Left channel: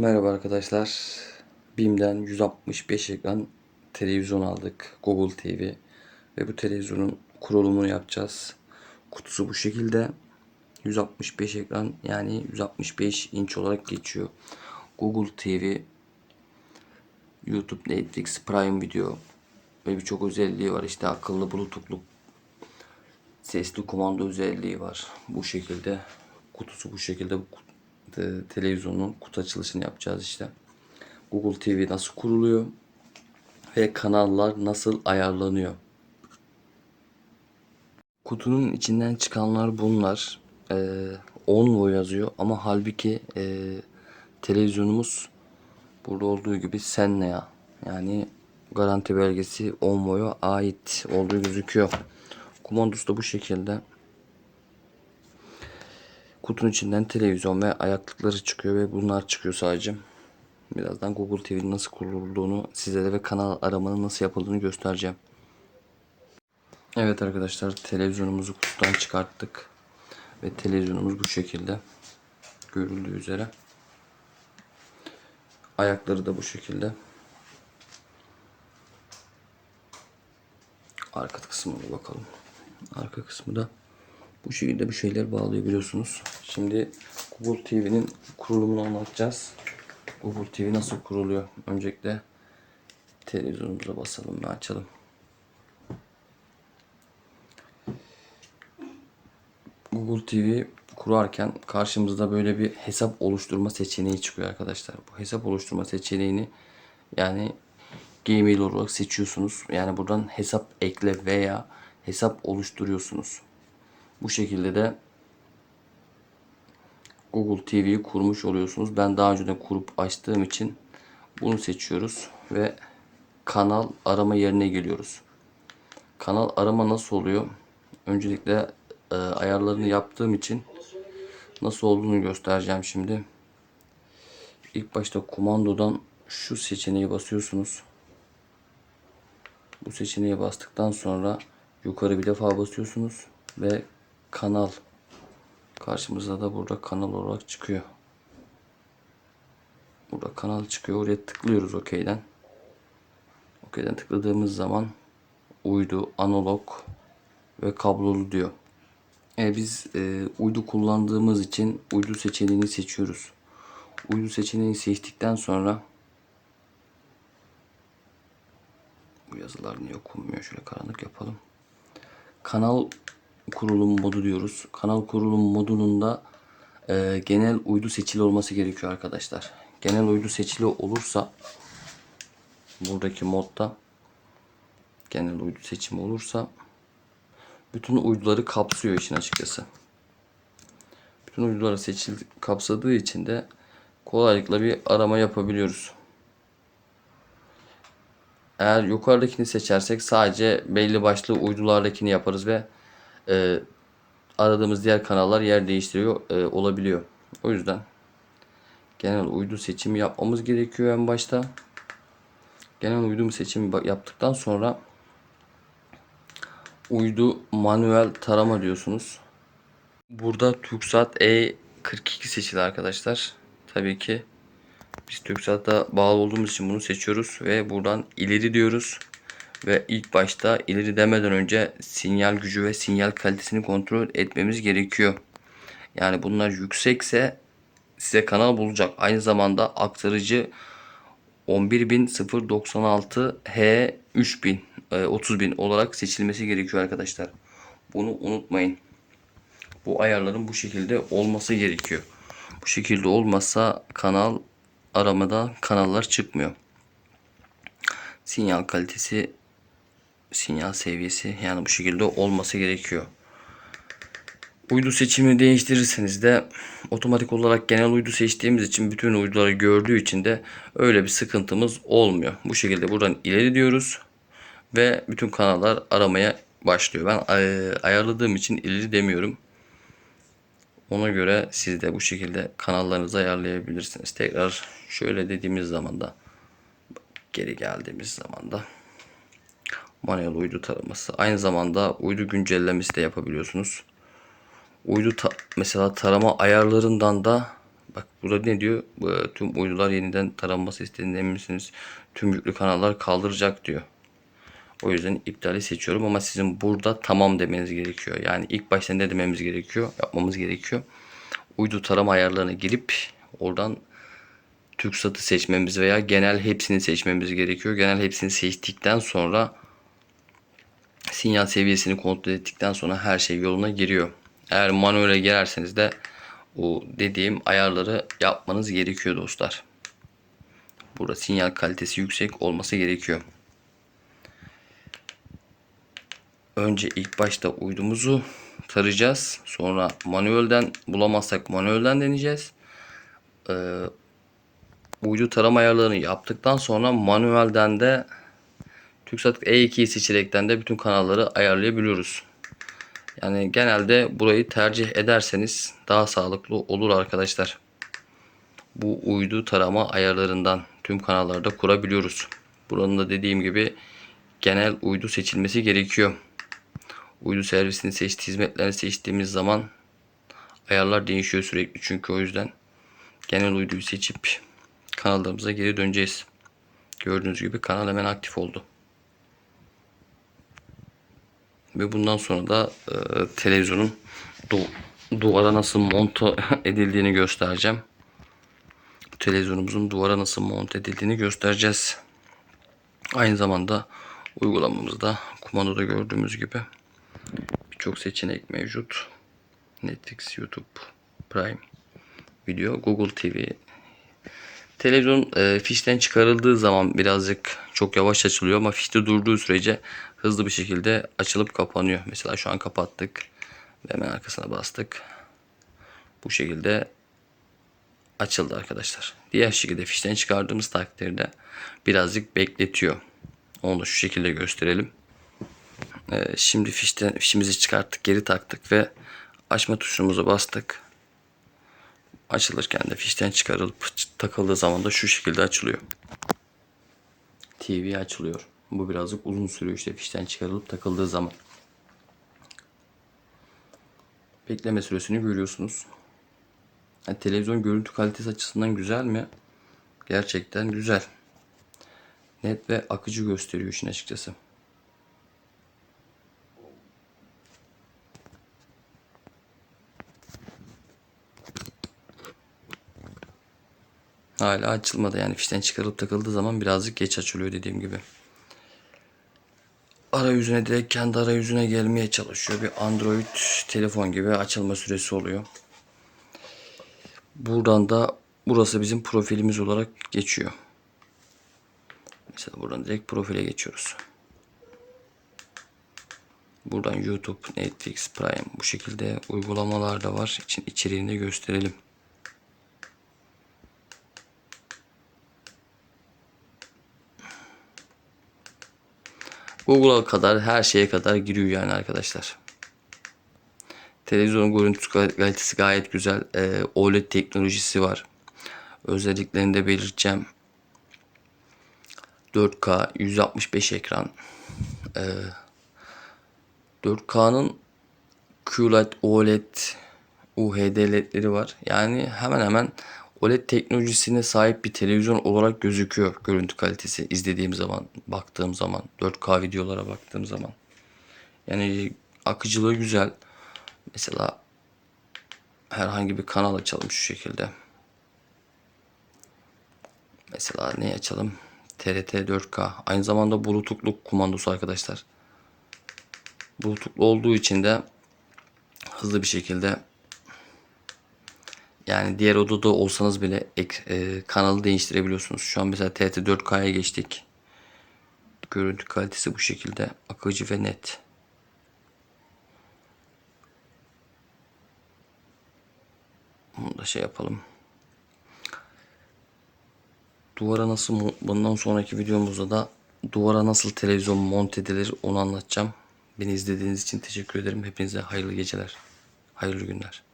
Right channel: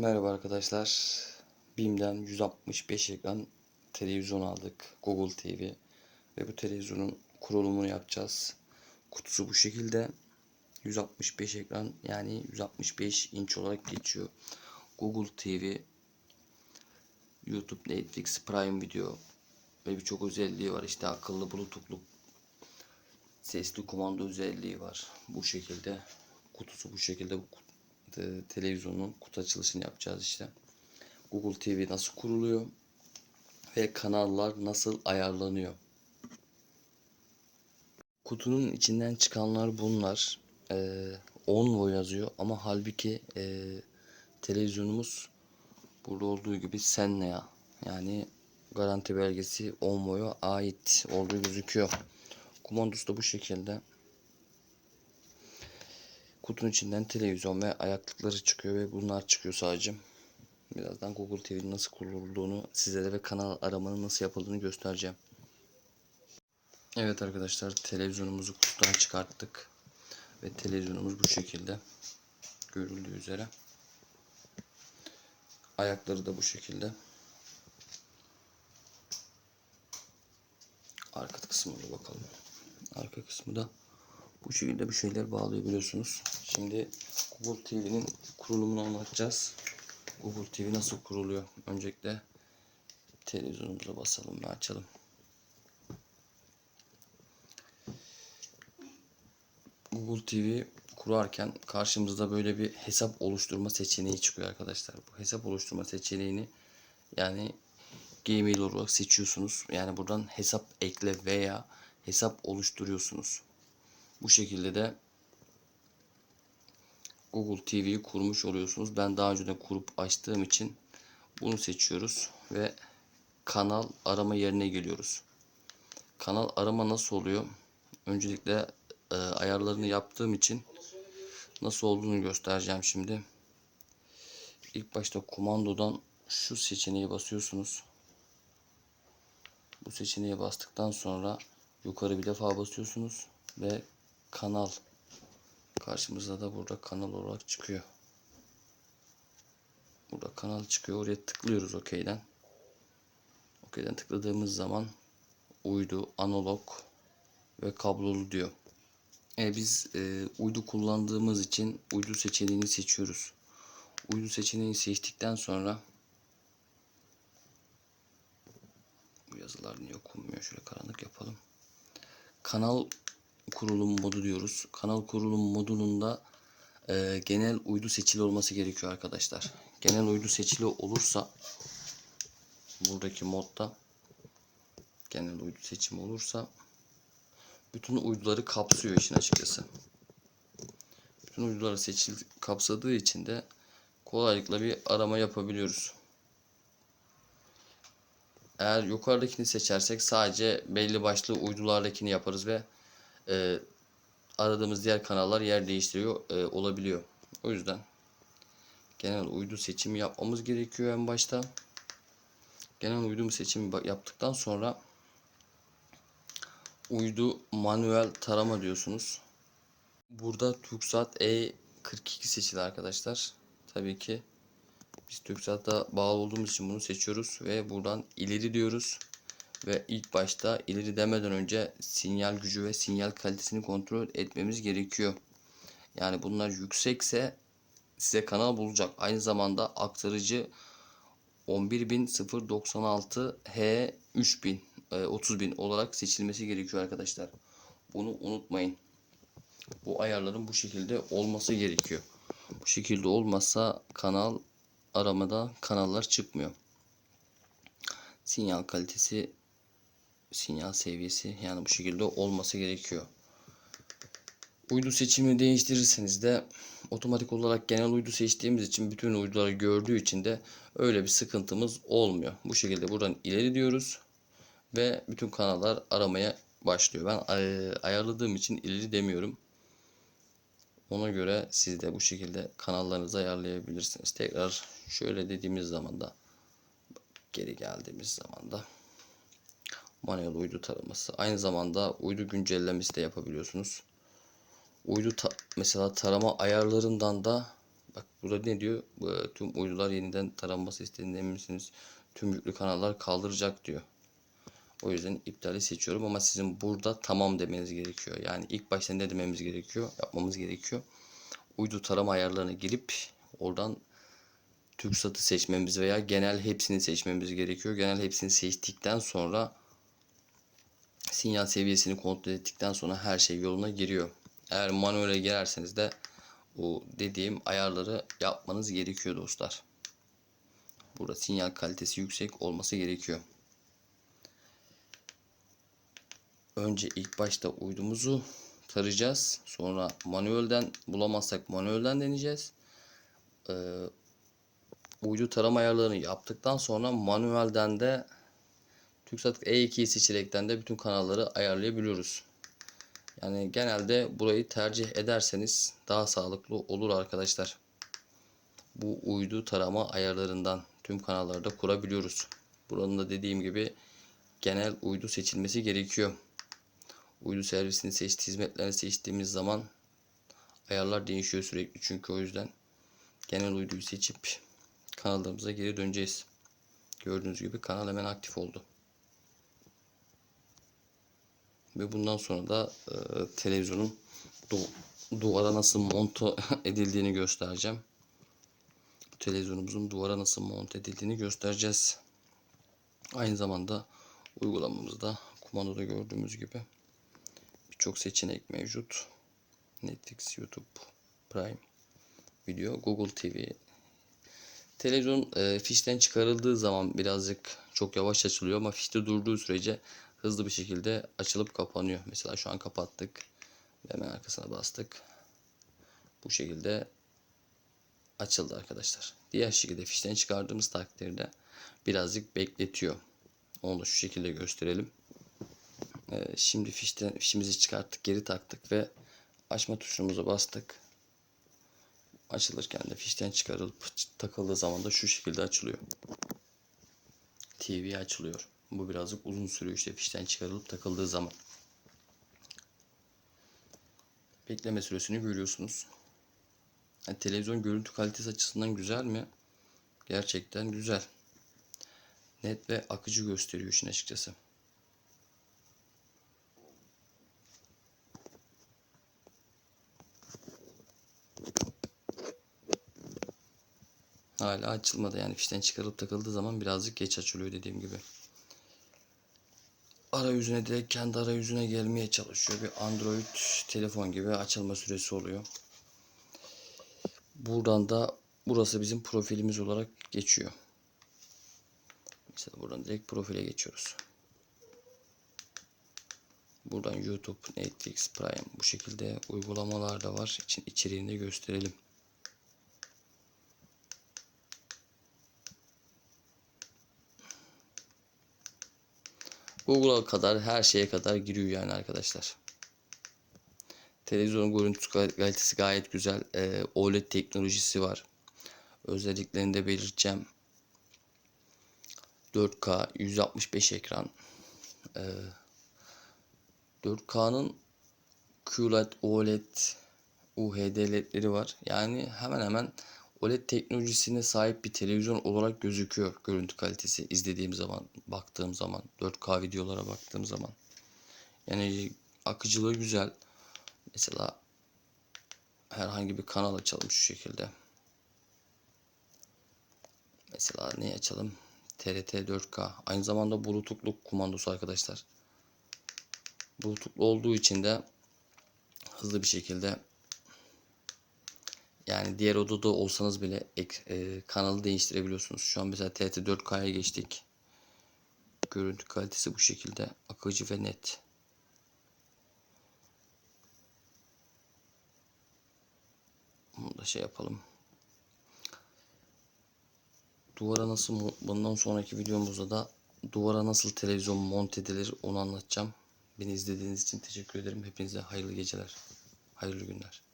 Merhaba arkadaşlar. BİM'den 165 ekran televizyon aldık. Google TV. Ve bu televizyonun kurulumunu yapacağız. Kutusu bu şekilde. 165 ekran yani 165 inç olarak geçiyor. Google TV, YouTube, Netflix, Prime Video ve birçok özelliği var. İşte akıllı bluetooth'lu sesli kumanda özelliği var. Bu şekilde kutusu bu şekilde bu televizyonun kutu açılışını yapacağız işte. Google TV nasıl kuruluyor ve kanallar nasıl ayarlanıyor. Kutunun içinden çıkanlar bunlar. Ee, Onvo yazıyor ama halbuki e, televizyonumuz burada olduğu gibi Sennea yani garanti belgesi Onvo'ya ait olduğu gözüküyor. Kumandosu da bu şekilde. Kutunun içinden televizyon ve ayaklıkları çıkıyor ve bunlar çıkıyor sadece. Birazdan Google TV'nin nasıl kurulduğunu sizlere ve kanal aramanın nasıl yapıldığını göstereceğim. Evet arkadaşlar televizyonumuzu kutudan çıkarttık. Ve televizyonumuz bu şekilde. Görüldüğü üzere. Ayakları da bu şekilde. Arka kısmına bakalım. Arka kısmı da bu şekilde bir şeyler bağlıyor biliyorsunuz. Şimdi Google TV'nin kurulumunu anlatacağız. Google TV nasıl kuruluyor? Öncelikle televizyonumuza basalım ve açalım. Google TV kurarken karşımızda böyle bir hesap oluşturma seçeneği çıkıyor arkadaşlar. Bu hesap oluşturma seçeneğini yani Gmail olarak seçiyorsunuz. Yani buradan hesap ekle veya hesap oluşturuyorsunuz. Bu şekilde de Google TV'yi kurmuş oluyorsunuz. Ben daha önceden kurup açtığım için bunu seçiyoruz ve kanal arama yerine geliyoruz. Kanal arama nasıl oluyor? Öncelikle e, ayarlarını yaptığım için nasıl olduğunu göstereceğim şimdi. İlk başta kumandodan şu seçeneği basıyorsunuz. Bu seçeneğe bastıktan sonra yukarı bir defa basıyorsunuz ve kanal karşımıza da burada kanal olarak çıkıyor. Burada kanal çıkıyor. Oraya tıklıyoruz OK'den. OK'den tıkladığımız zaman uydu, analog ve kablolu diyor. E, biz e, uydu kullandığımız için uydu seçeneğini seçiyoruz. Uydu seçeneğini seçtikten sonra bu yazılar niye okunmuyor? Şöyle karanlık yapalım. Kanal kurulum modu diyoruz. Kanal kurulum modunun e, genel uydu seçili olması gerekiyor arkadaşlar. Genel uydu seçili olursa buradaki modda genel uydu seçimi olursa bütün uyduları kapsıyor işin açıkçası. Bütün uyduları seçildi, kapsadığı için de kolaylıkla bir arama yapabiliyoruz. Eğer yukarıdakini seçersek sadece belli başlı uydulardakini yaparız ve e, aradığımız diğer kanallar yer değiştiriyor e, olabiliyor. O yüzden genel uydu seçimi yapmamız gerekiyor en başta. Genel uydu seçimi yaptıktan sonra uydu manuel tarama diyorsunuz. Burada TürkSat E42 seçili arkadaşlar. Tabii ki biz TürkSat'a bağlı olduğumuz için bunu seçiyoruz ve buradan ileri diyoruz. Ve ilk başta ileri demeden önce sinyal gücü ve sinyal kalitesini kontrol etmemiz gerekiyor. Yani bunlar yüksekse size kanal bulacak. Aynı zamanda aktarıcı 11096 H 3000 e, 30000 olarak seçilmesi gerekiyor arkadaşlar. Bunu unutmayın. Bu ayarların bu şekilde olması gerekiyor. Bu şekilde olmazsa kanal aramada kanallar çıkmıyor. Sinyal kalitesi sinyal seviyesi yani bu şekilde olması gerekiyor. Uydu seçimini değiştirirseniz de otomatik olarak genel uydu seçtiğimiz için bütün uyduları gördüğü için de öyle bir sıkıntımız olmuyor. Bu şekilde buradan ileri diyoruz ve bütün kanallar aramaya başlıyor. Ben e, ayarladığım için ileri demiyorum. Ona göre siz de bu şekilde kanallarınızı ayarlayabilirsiniz. Tekrar şöyle dediğimiz zaman da geri geldiğimiz zaman da manuel uydu taraması. Aynı zamanda uydu güncellemesi de yapabiliyorsunuz. Uydu ta- mesela tarama ayarlarından da Bak burada ne diyor? Tüm uydular yeniden taranması istediğinden emin misiniz? Tüm yüklü kanallar kaldıracak diyor. O yüzden iptali seçiyorum ama sizin burada tamam demeniz gerekiyor. Yani ilk başta ne dememiz gerekiyor? Yapmamız gerekiyor. Uydu tarama ayarlarına girip oradan TürkSat'ı seçmemiz veya genel hepsini seçmemiz gerekiyor. Genel hepsini seçtikten sonra sinyal seviyesini kontrol ettikten sonra her şey yoluna giriyor. Eğer manuele girerseniz de o dediğim ayarları yapmanız gerekiyor dostlar. Burada sinyal kalitesi yüksek olması gerekiyor. Önce ilk başta uydumuzu tarayacağız. Sonra manuelden bulamazsak manuelden deneyeceğiz. Ee, uydu tarama ayarlarını yaptıktan sonra manuelden de TürkSat E2'yi seçerekten de bütün kanalları ayarlayabiliyoruz. Yani genelde burayı tercih ederseniz daha sağlıklı olur arkadaşlar. Bu uydu tarama ayarlarından tüm kanallarda kurabiliyoruz. Buranın da dediğim gibi genel uydu seçilmesi gerekiyor. Uydu servisini seçti, hizmetlerini seçtiğimiz zaman ayarlar değişiyor sürekli çünkü o yüzden genel uyduyu seçip kanallarımıza geri döneceğiz. Gördüğünüz gibi kanal hemen aktif oldu. Ve bundan sonra da e, televizyonun du- duvara nasıl monte edildiğini göstereceğim. Televizyonumuzun duvara nasıl monte edildiğini göstereceğiz. Aynı zamanda uygulamamızda kumandoda gördüğümüz gibi birçok seçenek mevcut. Netflix, YouTube, Prime Video, Google TV. Televizyon e, fişten çıkarıldığı zaman birazcık çok yavaş açılıyor ama fişte durduğu sürece hızlı bir şekilde açılıp kapanıyor. Mesela şu an kapattık ve hemen arkasına bastık. Bu şekilde açıldı arkadaşlar. Diğer şekilde fişten çıkardığımız takdirde birazcık bekletiyor. Onu da şu şekilde gösterelim. Ee, şimdi fişten fişimizi çıkarttık, geri taktık ve açma tuşumuza bastık. Açılırken de fişten çıkarılıp takıldığı zaman da şu şekilde açılıyor. TV açılıyor. Bu birazcık uzun sürüyor işte fişten çıkarılıp takıldığı zaman. Bekleme süresini görüyorsunuz. Yani televizyon görüntü kalitesi açısından güzel mi? Gerçekten güzel. Net ve akıcı gösteriyor işin açıkçası. Hala açılmadı yani fişten çıkarılıp takıldığı zaman birazcık geç açılıyor dediğim gibi. Arayüzüne direkt kendi arayüzüne gelmeye çalışıyor. Bir Android telefon gibi açılma süresi oluyor. Buradan da burası bizim profilimiz olarak geçiyor. Mesela buradan direkt profile geçiyoruz. Buradan YouTube, Netflix, Prime bu şekilde uygulamalar da var. İçin içeriğini gösterelim. Google'a kadar her şeye kadar giriyor yani arkadaşlar. Televizyonun görüntü kalitesi gayet güzel. Ee, OLED teknolojisi var. Özelliklerini de belirteceğim. 4K 165 ekran. Ee, 4K'nın QLED, OLED, UHD ledleri var. Yani hemen hemen OLED teknolojisine sahip bir televizyon olarak gözüküyor görüntü kalitesi izlediğim zaman, baktığım zaman, 4K videolara baktığım zaman. Yani akıcılığı güzel. Mesela herhangi bir kanal açalım şu şekilde. Mesela ne açalım? TRT 4K. Aynı zamanda bluetooth'luk kumandosu arkadaşlar. Bluetooth'lu olduğu için de hızlı bir şekilde yani diğer odada olsanız bile ek, e, kanalı değiştirebiliyorsunuz. Şu an mesela TRT 4K'ya geçtik. Görüntü kalitesi bu şekilde akıcı ve net. Bunu da şey yapalım. Duvara nasıl bundan sonraki videomuzda da duvara nasıl televizyon monte edilir onu anlatacağım. Beni izlediğiniz için teşekkür ederim. Hepinize hayırlı geceler. Hayırlı günler.